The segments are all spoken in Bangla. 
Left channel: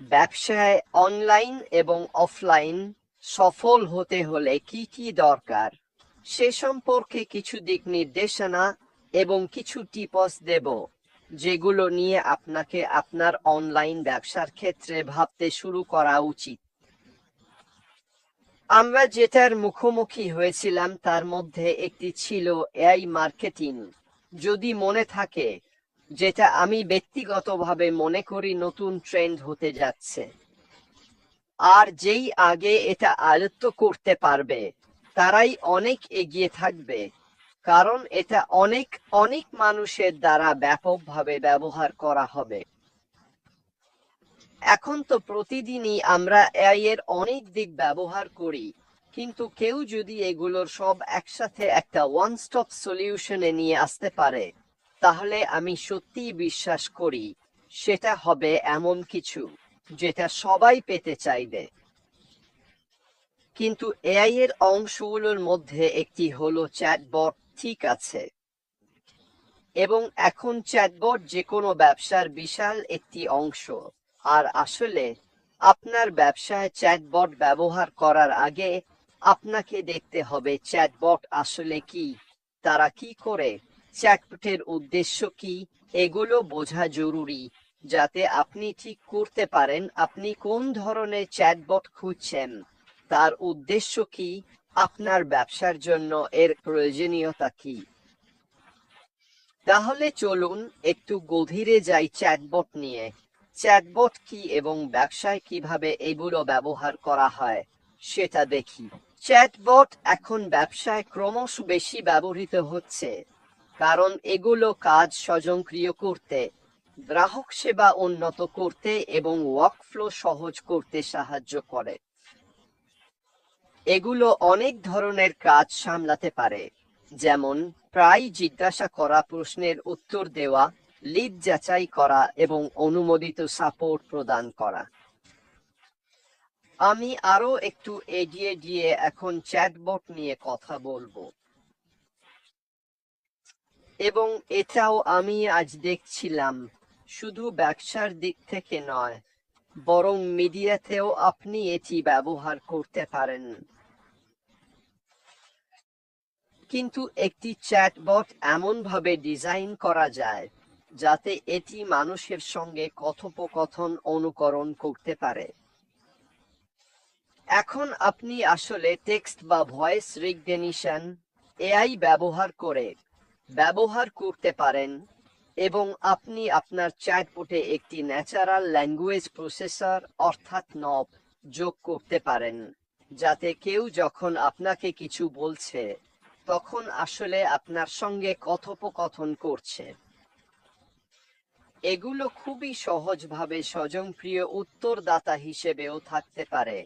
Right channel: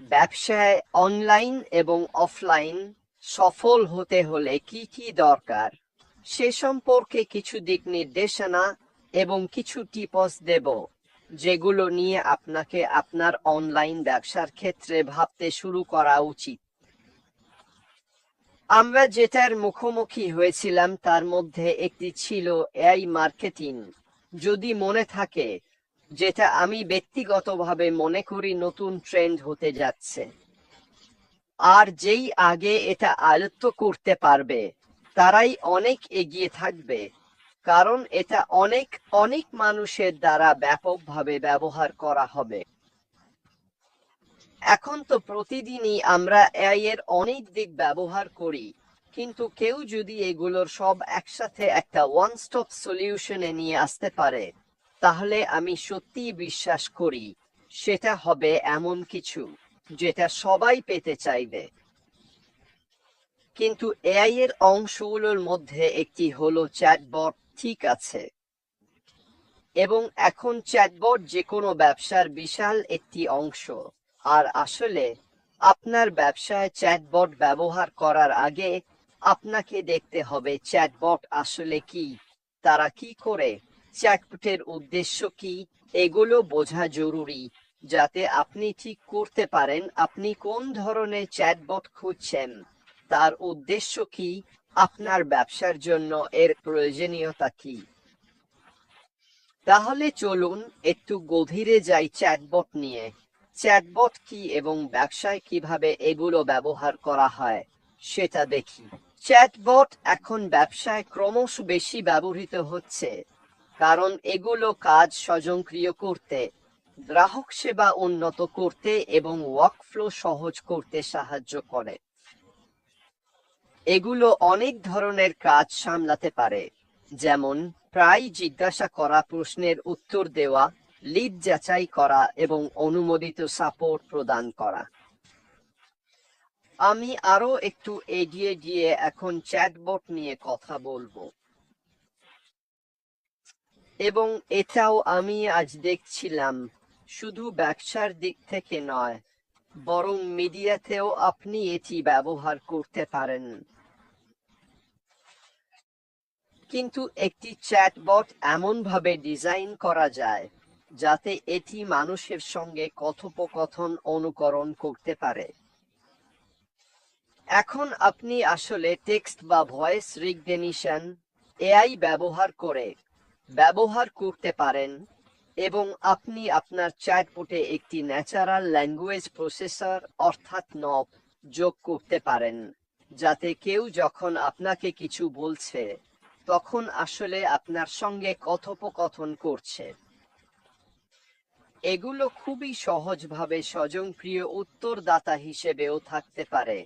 ব্যবসায় অনলাইন এবং অফলাইন সফল হতে হলে কি কি দরকার সে সম্পর্কে কিছু দিক নির্দেশনা এবং কিছু টিপস দেব, যেগুলো নিয়ে আপনাকে আপনার অনলাইন ব্যবসার ক্ষেত্রে ভাবতে শুরু করা উচিত। আমরা যেটার মুখোমুখি হয়েছিলাম তার মধ্যে একটি ছিল এআই মার্কেটিং, যদি মনে থাকে, যেটা আমি ব্যক্তিগতভাবে মনে করি নতুন ট্রেন্ড হতে যাচ্ছে। আর যেই আগে এটা আয়ত্ত করতে পারবে তারাই অনেক এগিয়ে থাকবে, কারণ এটা অনেক অনেক মানুষের দ্বারা ব্যাপকভাবে ব্যবহার করা হবে। এখন তো প্রতিদিনই আমরা এআই এর অনেক দিক ব্যবহার করি, কিন্তু কেউ যদি এগুলোর সব একসাথে একটা ওয়ান স্টপ সলিউশনে নিয়ে আসতে পারে, তাহলে আমি সত্যিই বিশ্বাস করি সেটা হবে এমন কিছু যেটা সবাই পেতে চাইবে। কিন্তু এআই এর অংশগুলোর মধ্যে একটি হলো চ্যাটবট, ঠিক আছে? এবং এখন চ্যাটবট যে কোনো ব্যবসার বিশাল একটি অংশ। আর আসলে আপনার ব্যবসায় চ্যাটবট ব্যবহার করার আগে আপনাকে দেখতে হবে চ্যাটবট আসলে কি, তারা কি করে, চ্যাটবটের উদ্দেশ্য কি, এগুলো বোঝা জরুরি, যাতে আপনি ঠিক করতে পারেন আপনি কোন ধরনের চ্যাটবট খুঁজছেন, তার উদ্দেশ্য কি, আপনার ব্যবসার জন্য এর প্রয়োজনীয়তা কি। তাহলে চলুন একটু গভীরে যাই চ্যাটবট নিয়ে। চ্যাটবট কি এবং ব্যবসায় কিভাবে এগুলো ব্যবহার করা হয় সেটা দেখি। চ্যাটবট এখন ব্যবসায় ক্রমশ বেশি ব্যবহৃত হচ্ছে, কারণ এগুলো কাজ স্বয়ংক্রিয় করতে, গ্রাহক সেবা উন্নত করতে এবং ওয়ার্কফ্লো সহজ করতে সাহায্য করে। এগুলো অনেক ধরনের কাজ সামলাতে পারে, যেমন প্রায় জিজ্ঞাসা করা প্রশ্নের উত্তর দেওয়া, লিড যাচাই করা এবং অনুমোদিত সাপোর্ট প্রদান করা। আমি আরো একটু এগিয়ে গিয়ে এখন চ্যাটবট নিয়ে কথা বলবো। এবং এটাও আমি আজ দেখছিলাম, শুধু ব্যবসার দিক থেকে নয়, বরং মিডিয়াতেও আপনি এটি ব্যবহার করতে পারেন। কিন্তু একটি চ্যাটবট এমনভাবে ডিজাইন করা যায় যাতে এটি মানুষের সঙ্গে কথোপকথন অনুকরণ করতে পারে। এখন আপনি আসলে টেক্সট বা ভয়েস রিকগনিশন এআই ব্যবহার করতে পারেন, এবং আপনি আপনার চ্যাটবটে একটি ন্যাচারাল ল্যাঙ্গুয়েজ প্রসেসর অর্থাৎ নব যোগ করতে পারেন, যাতে কেউ যখন আপনাকে কিছু বলছে তখন আসলে আপনার সঙ্গে কথোপকথন করছে। এগুলো খুবই সহজভাবে স্বয়ংক্রিয় উত্তরদাতা হিসেবেও থাকতে পারে,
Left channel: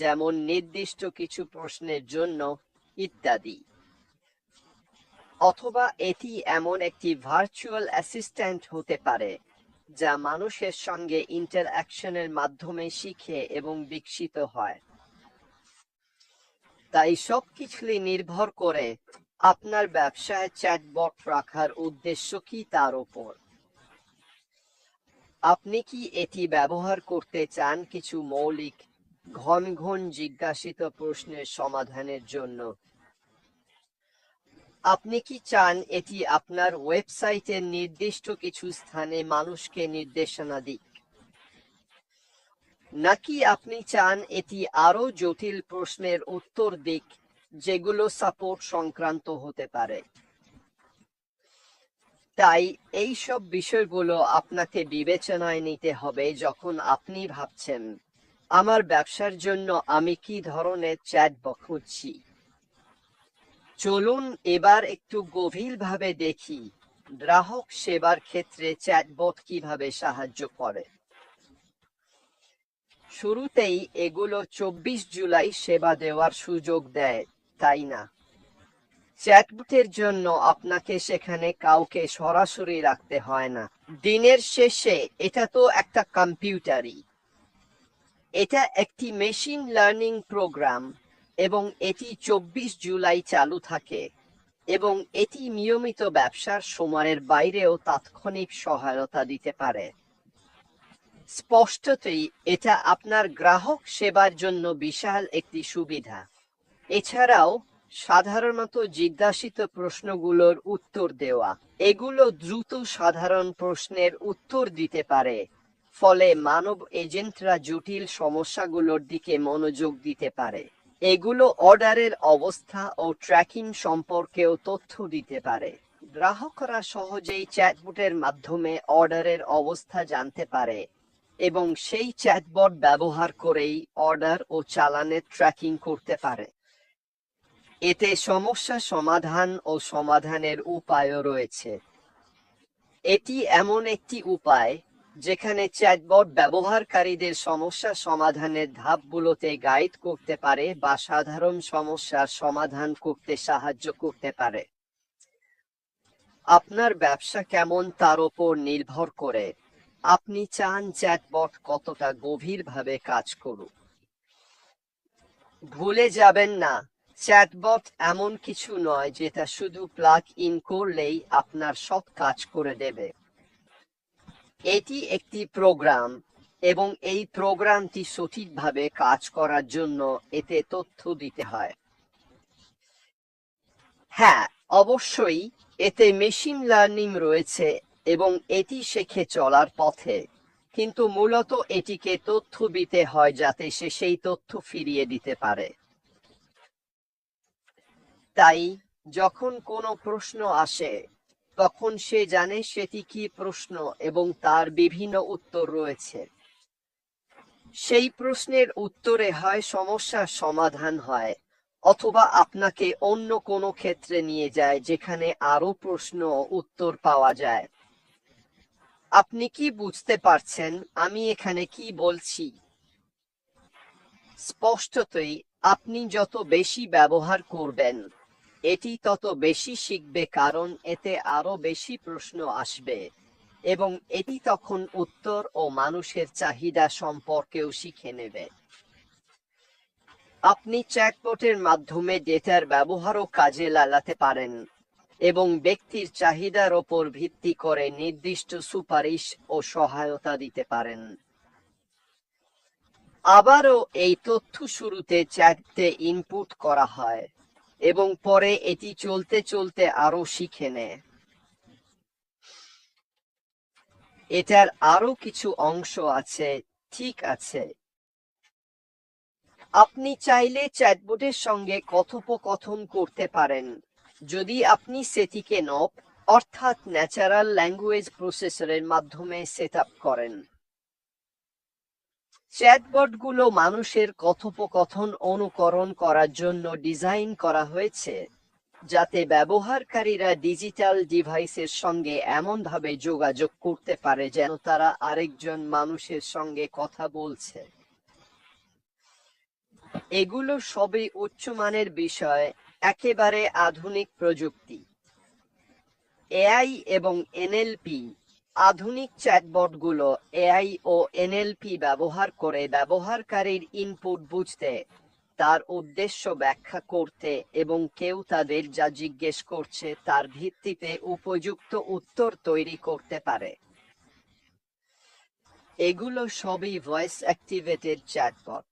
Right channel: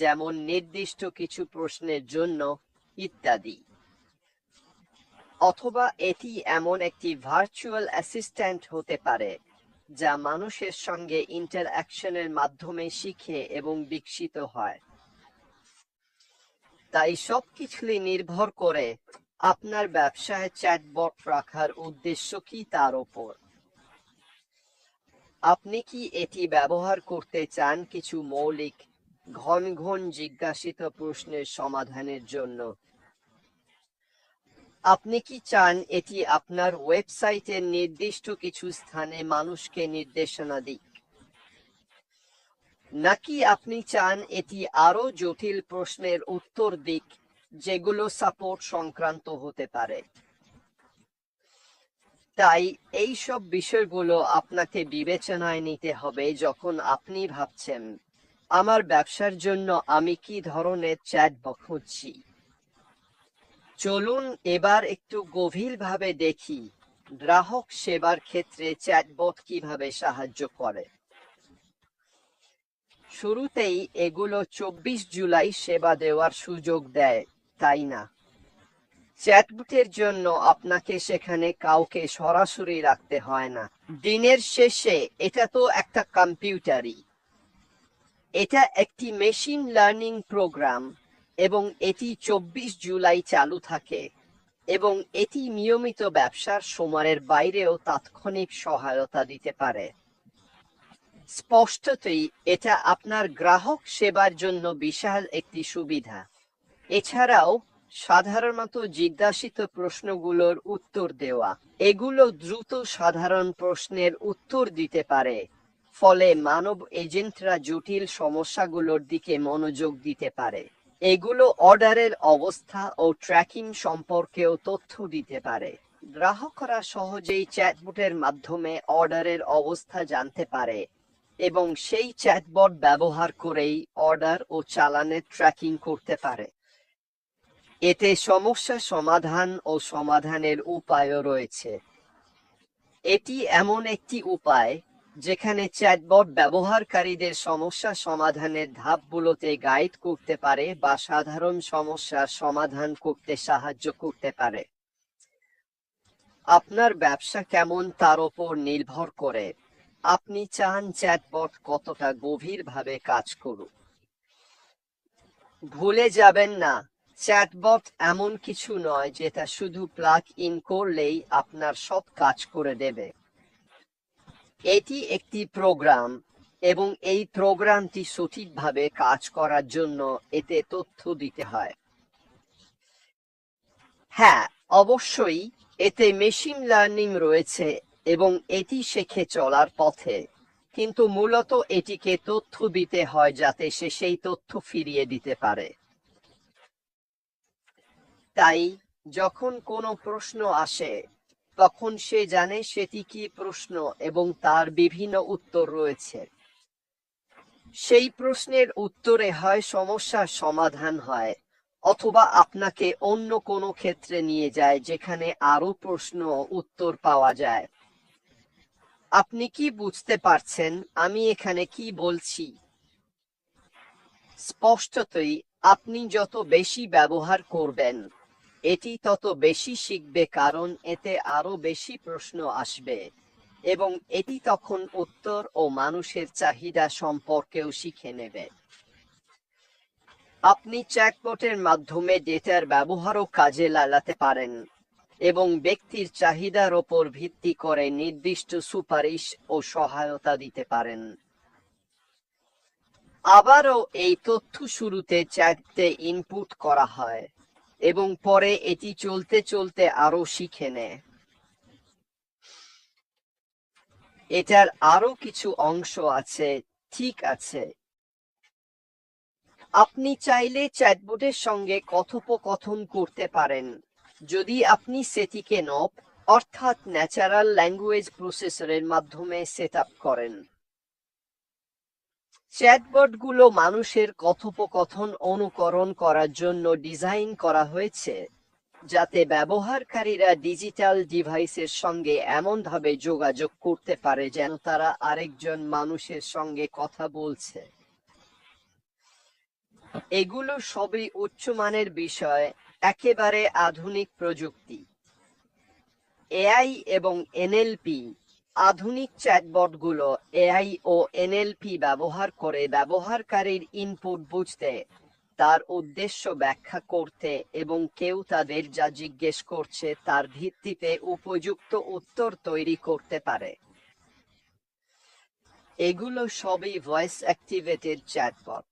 যেমন নির্দিষ্ট কিছু প্রশ্নের জন্য ইত্যাদি। অথবা এটি এমন একটি ভার্চুয়াল অ্যাসিস্ট্যান্ট হতে পারে যা মানুষের সঙ্গে ইন্টারঅ্যাকশনের মাধ্যমে শিখে এবং বিকশিত হয়। তাই সবকিছুই নির্ভর করে আপনার ব্যবসায় চ্যাটবট রাখার উদ্দেশ্য কি তার উপর। আপনি কি এটি ব্যবহার করতে চান কিছু মৌলিক, ঘন ঘন জিজ্ঞাসিত প্রশ্নের সমাধানের জন্য? আপনি কি চান এটি আপনার ওয়েবসাইটের নির্দিষ্ট কিছু স্থানে মানুষকে নির্দেশনা দিক? নাকি আপনি চান এটি আরো জটিল প্রশ্নের উত্তর দিক, যেগুলো সাপোর্ট সংক্রান্ত হতে পারে? তাই এই সব বিষয়গুলো আপনাকে বিবেচনায় নিতে হবে যখন আপনি ভাবছেন আমার ব্যবসার জন্য আমি কি ধরনের চ্যাটবট খুঁজছি। চলুন এবার একটু গভীরভাবে দেখি গ্রাহক সেবার ক্ষেত্রে চ্যাটবট কিভাবে সাহায্য করে। শুরুতেই এগুলো 24 জুলাই সেবা দেওয়ার সুযোগ দেয়, তাই না? চ্যাটবটের জন্য আপনাকে সেখানে কাউকে সরাসরি রাখতে হয় না। দিনের শেষে এটা তো একটা কম্পিউটারই, এটা একটি মেশিন লার্নিং প্রোগ্রাম, এবং এটি 24 জুলাই চালু থাকে, এবং এটি নিয়মিত ব্যবসার সময়ের বাইরেও তাৎক্ষণিক সহায়তা দিতে পারে। স্পষ্টতই এটা আপনার গ্রাহক সেবার জন্য বিশাল একটি সুবিধা। এছাড়াও সাধারণত জিজ্ঞাসিত প্রশ্নগুলোর উত্তর দেওয়া, এগুলো দ্রুত সাধারণ প্রশ্নের উত্তর দিতে পারে, ফলে মানব এজেন্টরা জটিল সমস্যাগুলোর দিকে মনোযোগ দিতে পারে। এগুলো অর্ডারের অবস্থা ও ট্র্যাকিং সম্পর্কেও তথ্য দিতে পারে। গ্রাহকরা সহজেই চ্যাটবটের মাধ্যমে অর্ডারের অবস্থা জানতে পারে এবং সেই চ্যাটবট ব্যবহার করেই অর্ডার ও চালানের ট্র্যাকিং করতে পারে। এতে সমস্যা সমাধান ও সমাধানের উপায়ও রয়েছে। এটি এমন একটি উপায় যেখানে চ্যাটবট ব্যবহারকারীদের সমস্যা সমাধানের ধাপগুলোতে গাইড করতে পারে বা সাধারণ সমস্যার সমাধান করতে সাহায্য করতে পারে। আপনার ব্যবসা কেমন তার উপর নির্ভর করে আপনি চান চ্যাটবট কতটা গভীরভাবে কাজ করুক। ভুলে যাবেন না, চ্যাটবট এমন কিছু নয় যেটা শুধু প্লাগ ইন করলেই আপনার সব কাজ করে দেবে। এটি একটি প্রোগ্রাম এবং এই প্রোগ্রামটি সঠিকভাবে কাজ করার জন্য এতে তথ্য দিতে হয়। হ্যাঁ, অবশ্যই এতে মেশিন লার্নিং রয়েছে এবং এটি শেখে চলার পথে, কিন্তু মূলত এটিকে তথ্য দিতে হয় যাতে সে সেই তথ্য ফিরিয়ে দিতে পারে। তাই যখন কোনো প্রশ্ন আসে তখন সে জানে সেটি কি প্রশ্ন এবং তার বিভিন্ন উত্তর রয়েছে। সেই প্রশ্নের উত্তরে হয় সমস্যার সমাধান হয় অথবা আপনাকে অন্য কোনো ক্ষেত্রে নিয়ে যায় যেখানে আরো প্রশ্ন ও উত্তর পাওয়া যায়। আপনি কি বুঝতে পারছেন আমি এখানে কি বলছি? স্পষ্টতই আপনি যত বেশি ব্যবহার করবেন এটি তত বেশি শিখবে, কারণ এতে আরো বেশি প্রশ্ন আসবে এবং এটি তখন উত্তর ও মানুষের চাহিদা সম্পর্কেও শিখে নেবে। আপনি চ্যাটবটের মাধ্যমে ডেটার ব্যবহারও কাজে লাগাতে পারেন এবং ব্যক্তির চাহিদার ওপর ভিত্তি করে নির্দিষ্ট সুপারিশ ও সহায়তা দিতে পারেন। আবারও এই তথ্য শুরুতে চ্যাটে ইনপুট করা হয় এবং পরে এটি চলতে চলতে আরো শিখে নেয়। এটার আরো কিছু অংশ আছে, ঠিক আছে? আপনি চাইলে চ্যাটবটের সঙ্গে কথোপকথন করতে পারেন যদি আপনি সেটিকে নপ অর্থাৎ ন্যাচারাল ল্যাঙ্গুয়েজ প্রসেসরের মাধ্যমে সেট আপ করেন। চ্যাটবটগুলো মানুষের কথোপকথন অনুকরণ করার জন্য ডিজাইন করা হয়েছে যাতে ব্যবহারকারীরা ডিজিটাল ডিভাইসের সঙ্গে এমনভাবে যোগাযোগ করতে পারে যেন তারা আরেকজন মানুষের সঙ্গে কথা বলছে। এগুলো সবই উচ্চমানের বিষয়, একেবারে আধুনিক প্রযুক্তি। এআই এবং এনএলপি। আধুনিক চ্যাটবটগুলো এআই ও এনএলপি ব্যবহার করে ব্যবহারকারীর ইনপুট বুঝতে, তার উদ্দেশ্য ব্যাখ্যা করতে এবং কেউ তাদের যা জিজ্ঞেস করছে তার ভিত্তিতে উপযুক্ত উত্তর তৈরি করতে পারে। এগুলো সবই ভয়েস অ্যাক্টিভেটেড চ্যাটবট।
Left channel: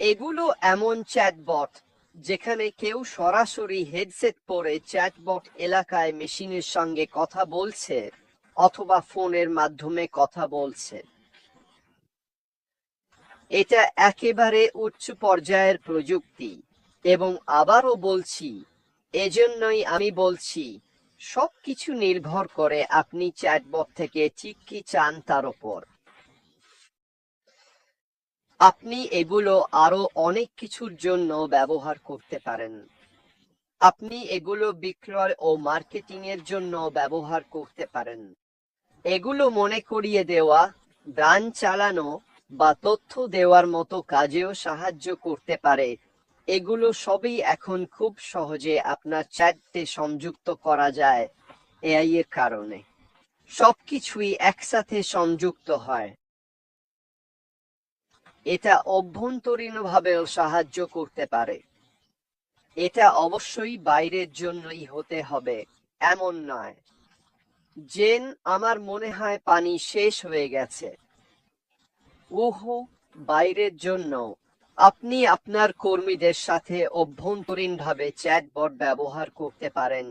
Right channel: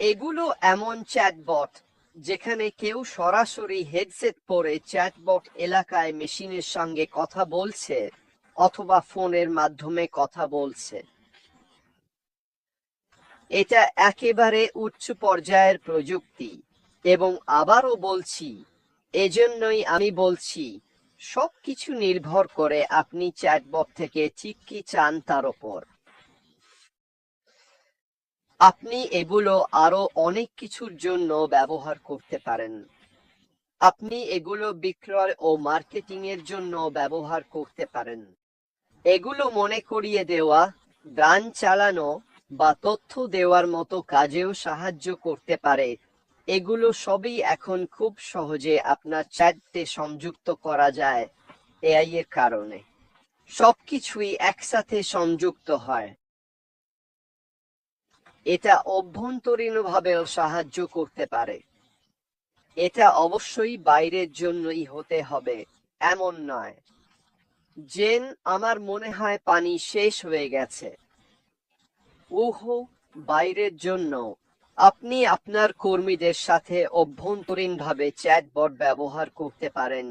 এগুলো এমন চ্যাটবট যেখানে কেউ সরাসরি হেডসেট পরে চ্যাটবট এলাকায় মেশিনের সঙ্গে কথা বলছে অথবা ফোনের মাধ্যমে কথা বলছে। এটা একেবারে উচ্চ পর্যায়ের প্রযুক্তি এবং আবারও বলছি, এজন্যই আমি বলছি সবকিছু নির্ভর করে আপনি চ্যাটবট থেকে ঠিক কি চান তার উপর। আপনি এগুলো আরো অনেক কিছুর জন্য ব্যবহার করতে পারেন। আপনি এগুলো বিক্রয় ও মার্কেটিং এর জন্য ব্যবহার করতে পারেন। এগুলো মনে করিয়ে দেওয়া, ব্র্যান্ড চালানো বা তথ্য দেওয়ার মতো কাজেও সাহায্য করতে পারে। এগুলো সবই এখন খুব সহজে আপনার চ্যাটে সংযুক্ত করা যায় এআই এর কারণে। সবকিছুই একসাথে সংযুক্ত হয়। এটা অভ্যন্তরীণভাবেও সাহায্য করতে পারে। এটা অবশ্যই বাইরের জন্যই হতে হবে এমন নয়। জেন, আমার মনে হয় পানি শেষ হয়ে গেছে। ওহো, বাইরের জন্য। আপনি আপনার কর্মীদের সাথে অভ্যন্তরীণভাবে চ্যাটবট ব্যবহার করতে পারেন।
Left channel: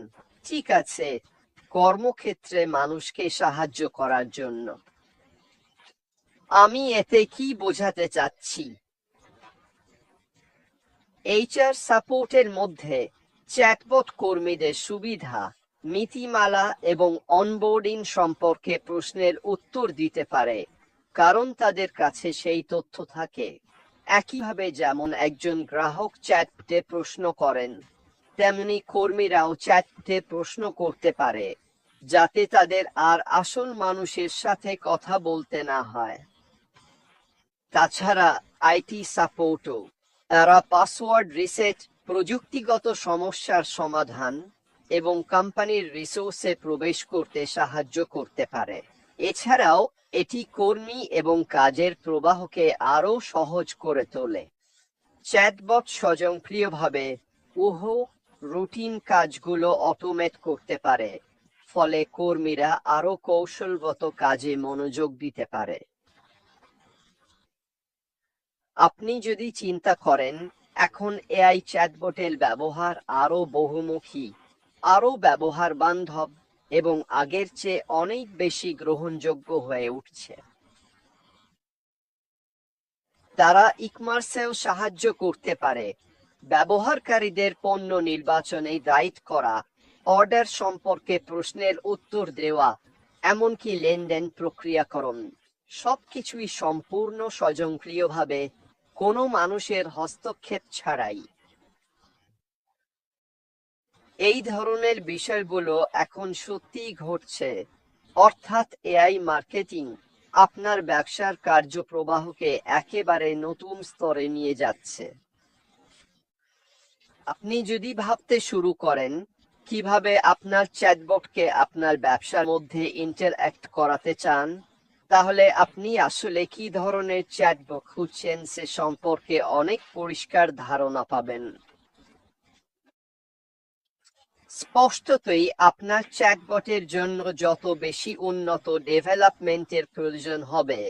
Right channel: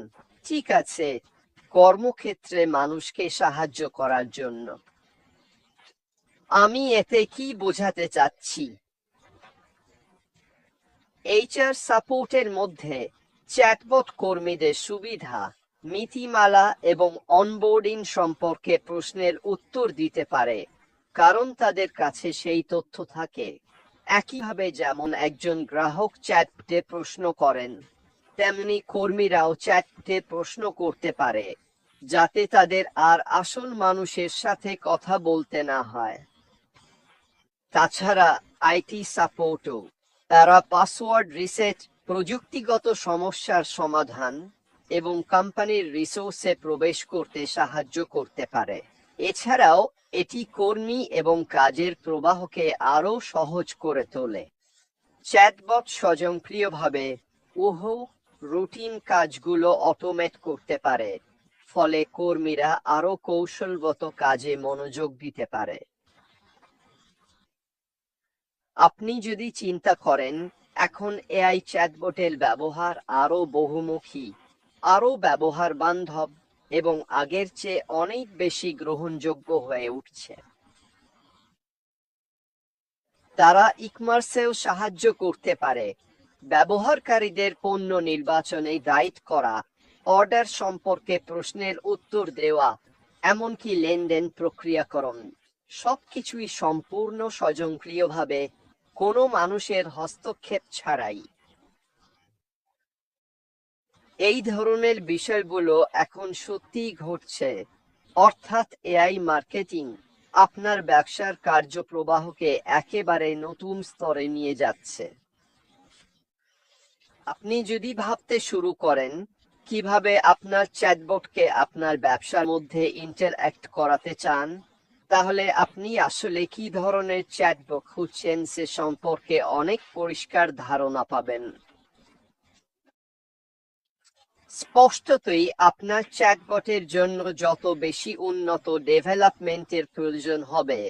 ঠিক আছে, কর্মক্ষেত্রে মানুষকে সাহায্য করার জন্য। আমি এতে কি বোঝাতে চাচ্ছি? এইচআর সাপোর্টের মধ্যে চ্যাটবট কর্মীদের সুবিধা, নীতিমালা এবং অনবোর্ডিং সম্পর্কে প্রশ্নের উত্তর দিতে পারে, কারণ তাদের কাছে সেই তথ্য থাকে। একইভাবে যেমন একজন গ্রাহক চ্যাটে প্রশ্ন করেন, তেমনি কর্মীরাও চ্যাটে প্রশ্ন করতে পারে, যাতে তাদের আর আসল মানুষের সাথে কথা বলতে না হয়। তাছাড়া আইটি সাপোর্টও, তারা পাসওয়ার্ড রিসেট, প্রযুক্তিগত সমস্যার সমাধান এবং কোম্পানির রিসোর্সে প্রবেশ করতে সাহায্য করতে পারে। এছাড়াও এটি কর্মী এবং কাজের প্রবাহকে আরও সহজ করে তোলে। চ্যাটবট স্বয়ংক্রিয়ভাবে রুটিন কাজগুলো অটোমেট করতে পারে, ফলে কর্মীরা আরও কৌশলগত কাজে মনোযোগ দিতে পারে। আপনি যদি চিন্তা করেন, এখন এআই চ্যাটবটের ব্যবহার আরো বহুমুখী, আরো ব্যবহার বান্ধব এবং আগের চেয়ে অনেক বেশি গ্রহণযোগ্য হয়ে উঠছে। তারা ই-কমার্সেও সাহায্য করতে পারে, ব্যবহারকারীদের পণ্য নির্বাচনে গাইড করা, অর্ডার সম্পর্কে প্রশ্নের উত্তর দেওয়া, এমনকি লেনদেন প্রক্রিয়াকরণ, সবকিছুই সম্পূর্ণ স্বয়ংক্রিয়ভাবে, কোনো মানুষের হস্তক্ষেপ ছাড়াই। এই ধরনের বিষয়গুলো এখন সত্যিই ঘটছে, অর্থাৎ এআই মার্কেটিং আপনার ব্যবসার কার্যপ্রবাহকে একেবারে নতুন স্তরে নিয়ে যাচ্ছে। আপনি যদি ভাবতে শুরু করেন কিভাবে আপনার চ্যাটবটকে আপনার ব্যবসার মধ্যে ইন্টারঅ্যাক্ট করাতে চান, তাহলে আপনি আসলে কি ধরনের চ্যাটবট খুঁজছেন সে সম্পর্কে অনেক পরিষ্কার ধারণা পাবেন। স্পষ্টতই আপনার চ্যাটবটের জন্য যত বেশি উন্নত ডেভেলপমেন্টের প্রয়োজন হবে,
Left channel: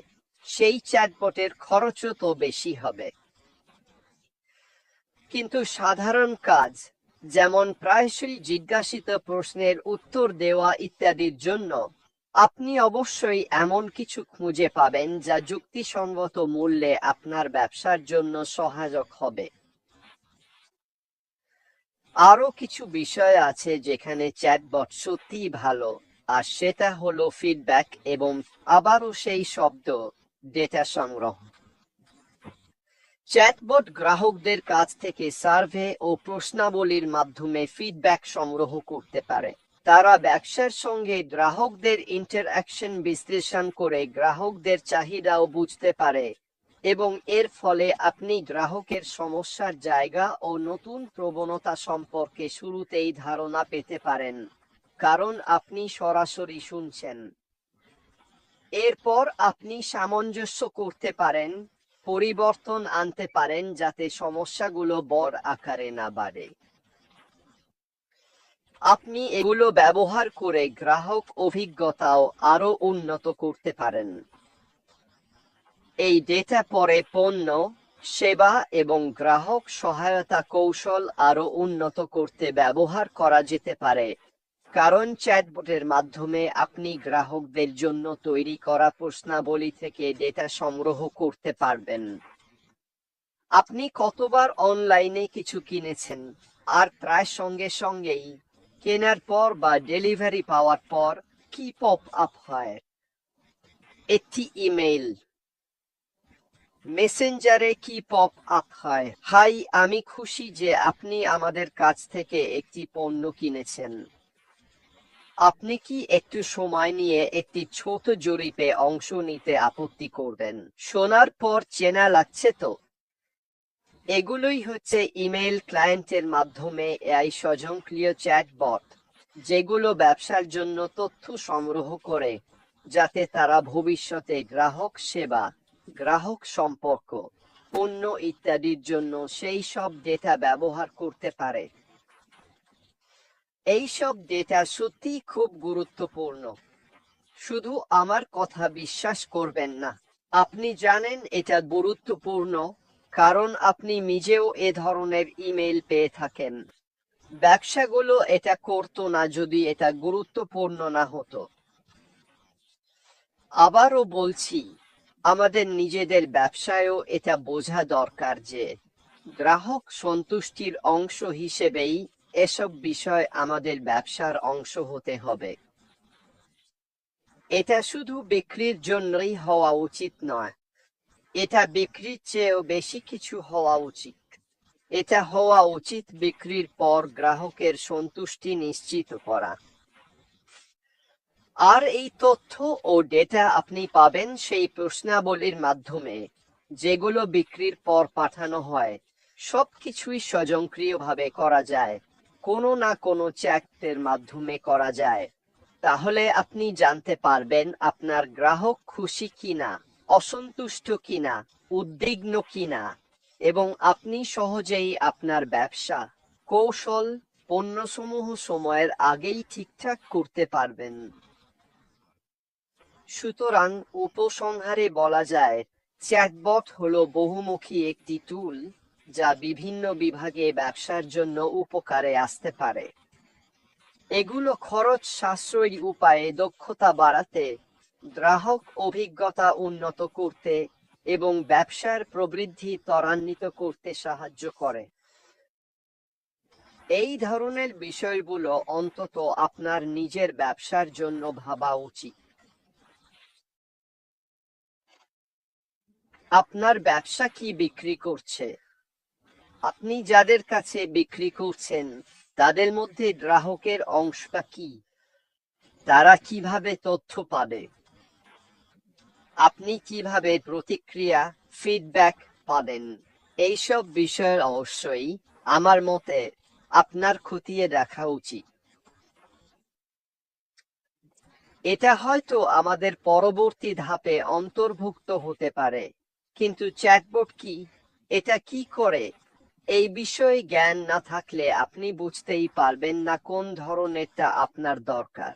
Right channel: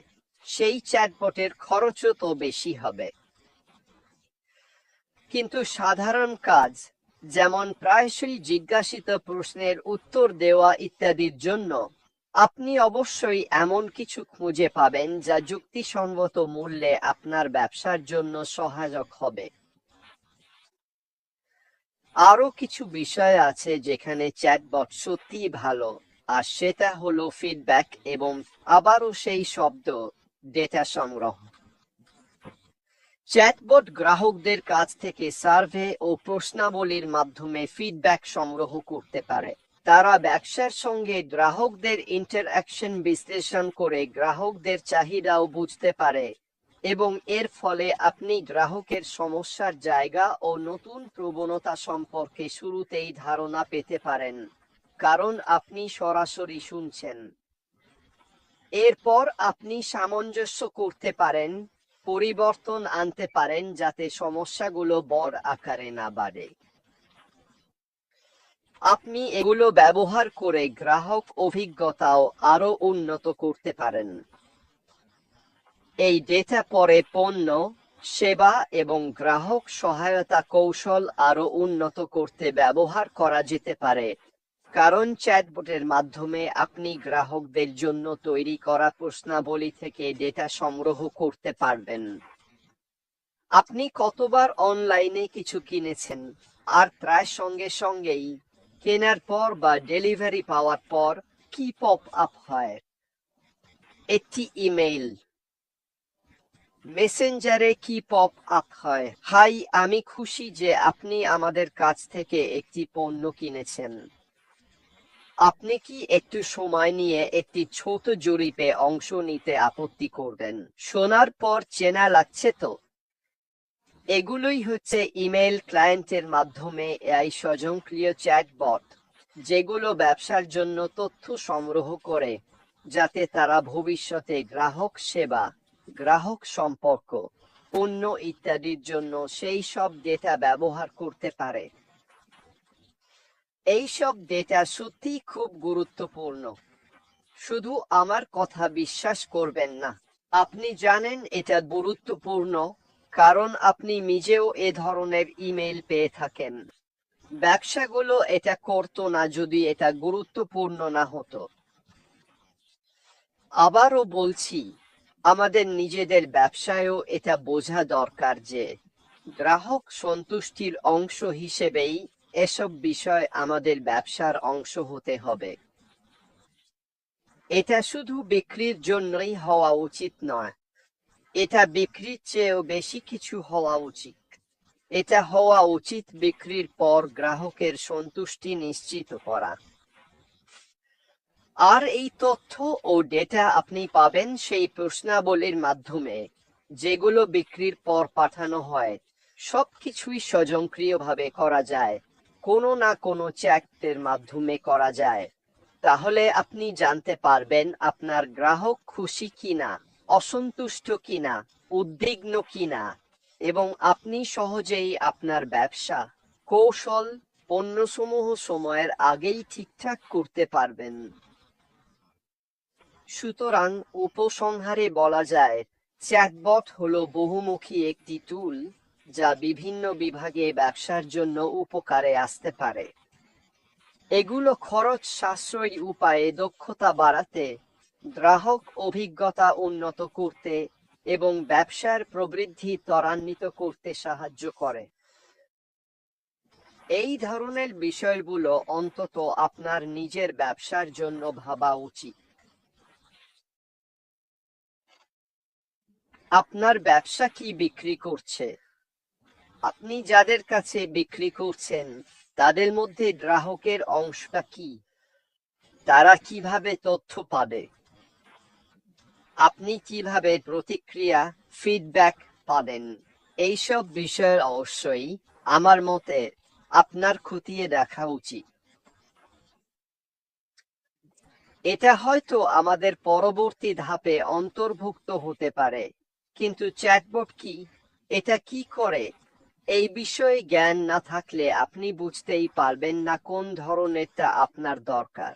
সেই চ্যাটবটের খরচও তো বেশি হবে। কিন্তু সাধারণ কাজ, যেমন প্রায়শই জিজ্ঞাসিত প্রশ্নের উত্তর দেওয়া ইত্যাদির জন্য, আপনি অবশ্যই এমন কিছু খুঁজে পাবেন যা যুক্তিসঙ্গত মূল্যে আপনার ব্যবসার জন্য সহায়ক হবে। আরো কিছু বিষয় আছে যেখানে চ্যাটবট সত্যিই ভালো, আর সেটা হলো ফিডব্যাক এবং আবারও সেই শব্দ, ডেটা সংগ্রহ। চ্যাটবট গ্রাহকদের কাছ থেকে সার্ভে ও প্রশ্নাবলীর মাধ্যমে ফিডব্যাক সংগ্রহ করতে পারে। তারা ব্যবসার সঙ্গে গ্রাহকদের ইন্টারঅ্যাকশন বিশ্লেষণ করে গ্রাহকদের চাহিদাও বুঝতে পারে, এবং এর ফলে আপনি গ্রাহকের সমস্যার জায়গা ও নতুন প্রবণতা সম্পর্কে শুরুতেই ধারণা পেতে পারেন, কারণ আপনি সরাসরি শুনছেন। এরপর আপনি সামঞ্জস্য করতে পারেন, পরিবর্তন আনতে পারেন যাতে সমস্যাগুলো বড় আকারে না বাড়ে। আপনি এগুলো ব্যবহার করে গ্রাহক অভিজ্ঞতাও আরো উন্নত করতে পারেন। এই ডেটা পরে পণ্য, সেবা এবং গ্রাহক সহায়তা কৌশল আরো উন্নত করতে ব্যবহার করা যেতে পারে, কারণ চ্যাটবটের মাধ্যমে আপনি গ্রাহকদের জন্য তৈরি করা প্রশ্নাবলী থেকে ডেটা সংগ্রহ করতে পারবেন। আপনি কতবার অনলাইনে কিছু কিনেছেন, আর প্রায় সঙ্গে সঙ্গেই কেনার পর বা ডেলিভারি পাওয়ার পর কি পপ আপ হয়? একটি ইমেইল, মেসেঞ্জারে কি পপ আপ হয়? হাই, আমি খুশি যে আপনি আমাদের কাছ থেকে একটি পণ্য কিনেছেন। আপনি কি একটু সময় নিয়ে একটি ছোট জরিপে অংশ নিতে আপত্তি করবেন? শোনার পর চেনা লাগছে তো? এগুলোই হচ্ছে ইমেইল ক্লায়েন্টের মাধ্যমে এআই স্বয়ংক্রিয় চ্যাটবট, যেগুলো ব্যবসার জন্য তথ্য সংগ্রহ করে, যাতে তারা ভবিষ্যতে গ্রাহক সেবা, গ্রাহক সম্পর্ক, পণ্য ইত্যাদির জন্য সেই সব ডেটা ব্যবহার করতে পারে। এইসব ডেটা সত্যি খুব গুরুত্বপূর্ণ। শুধু আমার কথা বিশ্বাস করবেন না। আপনি জানেন এটা গুরুত্বপূর্ণ কারণ আপনি নিজেও এ ধরনের ইমেল পেয়ে থাকেন। ব্যবসাগুলো এটা করতো না যদি এটা গুরুত্বপূর্ণ না হতো। আবারও বলছি, আমাদের নিজেদের ব্যবসায়ও এটা বোঝা দরকার যে গ্রাহক সন্তুষ্টির অংশ হিসেবেই এসব বিষয় আমাদের ব্যবসার অংশ হতে হবে। এটা শুধু বিক্রির জন্যই হওয়া উচিত নয়, এটা বিক্রির চেয়েও বেশি কিছু হওয়া উচিত। এটা হওয়া উচিত বিক্রির পর গ্রাহকের সন্তুষ্টি নিশ্চিত করা। আর এই তথ্য ও ডেটা আপনি পাবেন সেই প্রশ্নাবলীর মাধ্যমে, যেগুলো বিক্রির পর পাঠানো হয়। সবকিছুই স্বয়ংক্রিয়ভাবে করা যায়, কোনো না কোনো চ্যাটের মাধ্যমে করা যায়। তাহলে আপনি জানতে পারবেন আপনার গ্রাহক খুশি কিনা, অসন্তুষ্ট কিনা, উদ্বিগ্ন কিনা, এবং আপনি সহজেই আপনার ব্যবসা কৌশল পণ্যসমূহ সময়ের আগেই ঠিকঠাক করতে পারবেন। সুতরাং উপসংহারে বলা যায়, চ্যাটবট হলো বহুমুখী একটি টুল যা বিভিন্ন বিভাগে ব্যবসার জন্য উপকারে আসতে পারে। এগুলো খরচ সাশ্রয়ী উপায়ে দক্ষতা বাড়াতে, গ্রাহক অভিজ্ঞতা উন্নত করতে এবং ব্যবসার প্রবৃদ্ধি ত্বরান্বিত করতে সাহায্য করে। এই ধরনের বিষয়গুলো অন্তত আপনার নিজের ব্যবসার জন্য ভাবা উচিত। আপনার ব্যবসা কি বিক্রি করছে? আপনি যাদের কাছে বিক্রি করছেন তাদের মধ্যে গ্রাহকের অংশটা কি? তারা কিভাবে তথ্য পাবে? আপনি কিভাবে প্রতিক্রিয়া, ফিডব্যাক পাবেন? এইসব বিষয়ের অবশ্যই আমার মতে আপনার খতিয়ে দেখা উচিত। এটা হয়তো আমাদের পরবর্তী ধাপে অন্তর্ভুক্ত হতে পারে। কিন্তু চ্যাটবট কি, এটা কি করে, এই বিষয়ে জ্ঞান না থাকলে আপনি বুঝতেই পারবেন না কোন ধরনেরটা আপনার দরকার।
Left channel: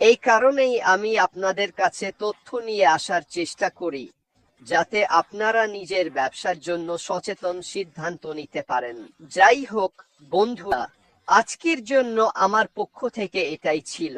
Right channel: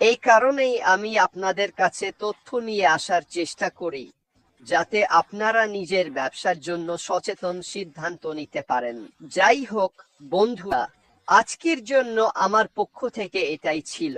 এই কারণেই আমি আপনাদের কাছে তথ্য নিয়ে আসার চেষ্টা করি, যাতে আপনারা নিজের ব্যবসার জন্য সচেতন সিদ্ধান্ত নিতে পারেন। যাই হোক বন্ধুরা, আজকের জন্য আমার পক্ষ থেকে এটাই ছিল।